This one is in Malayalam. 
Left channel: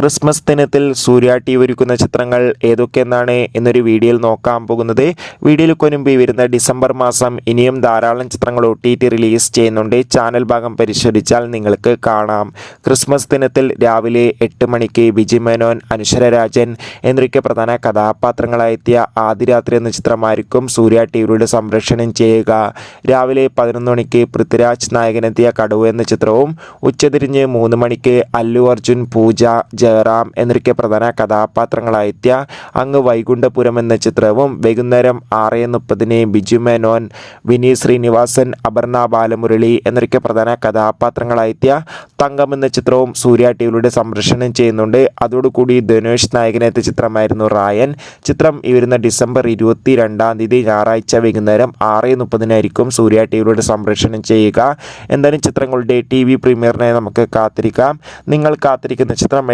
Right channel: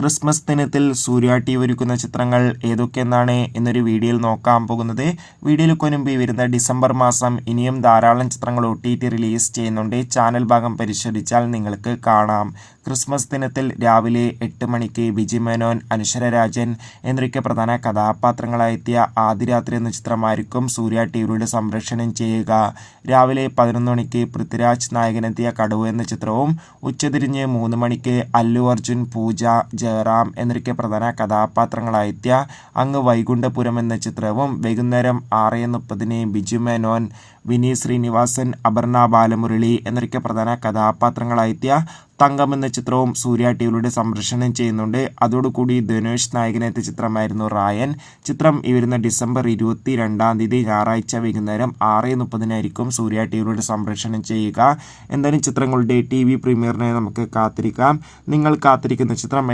ക്രിസ്മസ് ദിനത്തിൽ സൂര്യ ടി ഒരുക്കുന്ന ചിത്രങ്ങൾ ഏതൊക്കെയെന്നാണ് എന്നൊരു വീഡിയോയിൽ നോക്കാൻ പോകുന്നത്. വീഡിയോയിലേക്ക് മുൻപ് വരുന്ന ഡിസംബർ മാസം ഇനിയും ധാരാളം ചിത്രങ്ങൾ OTT റിലീസ് ചെയ്യുന്നുണ്ട്. ചാനൽ ഭാഗം പരിശോധിച്ചാൽ നിങ്ങൾക്ക് കാണാം. ക്രിസ്മസ് ദിനത്തിൽ രാവിലെ 8 മണിക്ക് ബിജി മേനോൻ, അനശ്വര രാജൻ എന്നൊക്കെ പ്രധാന കഥാപാത്രങ്ങളായെത്തിയ ആദിരാത്രി എന്ന ചിത്രമായിരിക്കും സൂര്യ ടിവിയിലൂടെ സംപ്രേഷണം ചെയ്യുക. രാവിലെ 11 മണിക്ക് പൃഥ്വിരാജ് നായകനെത്തിയ കടുവ എന്ന ചിത്രവും, ഉച്ചതിരിഞ്ഞ് 3 മണിക്ക് അല്ലു അർജുൻ, പൂജ, ജയറാം എന്നൊക്കെ പ്രധാന കഥാപാത്രങ്ങളായെത്തിയ അങ്ങ് വൈകുണ്ഠപുരം എന്ന ചിത്രവും, വൈകുന്നേരം 6:30 ബിജു മേനോൻ, വിനീത് ശ്രീനിവാസൻ, അപർണ ബാലമുരളി എന്നൊക്കെ പ്രധാന കഥാപാത്രങ്ങളായെത്തിയ തങ്കം എന്ന ചിത്രവും സൂര്യ ടിവിയിലൂടെ സംപ്രേഷണം ചെയ്യുന്നുണ്ട്. അതോടുകൂടി ധനുഷ് നായകനെത്തിയ ചിത്രമായിരുന്നു റായൻ. ചിത്രം ഈ വരുന്ന ഡിസംബർ 22 ഞായറാഴ്ച വൈകുന്നേരം 6:30 സൂര്യ ടിവിയിലൂടെ സംപ്രേഷണം ചെയ്യുക. എന്തായാലും ചിത്രങ്ങളുടെ TV പ്രീമിയറിനെ നമുക്ക് കാത്തിരിക്കാം. നിങ്ങൾ കാത്തിരിക്കുന്ന ചിത്രം